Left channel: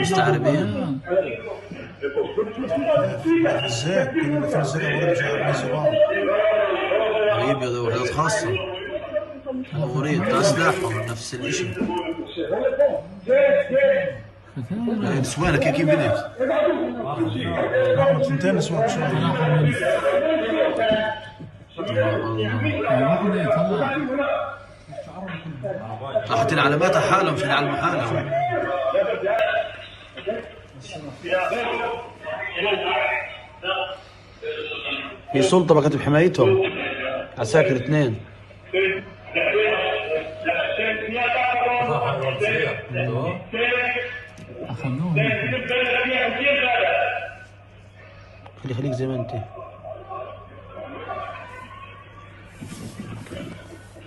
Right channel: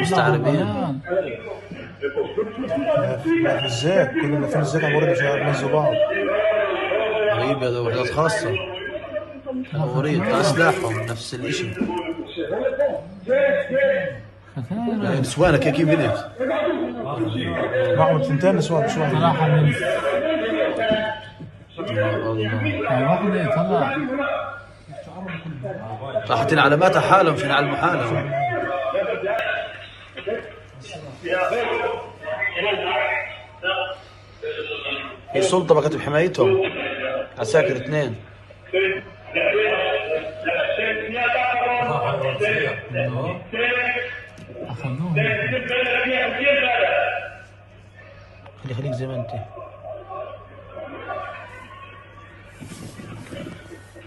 مستعربين ازاي كل ما فيها الزيت عباره عن غريبة، دوريات خاصة، دورية سلاحهم نفس الشيء. نسوانك كيف بدك؟ واحد ثنتين نسوان راحت العلامات حالهم في العلم حالهم. السلطة اللي كنت بحمايتهم عساكر اثنين. خليك زي ما انت.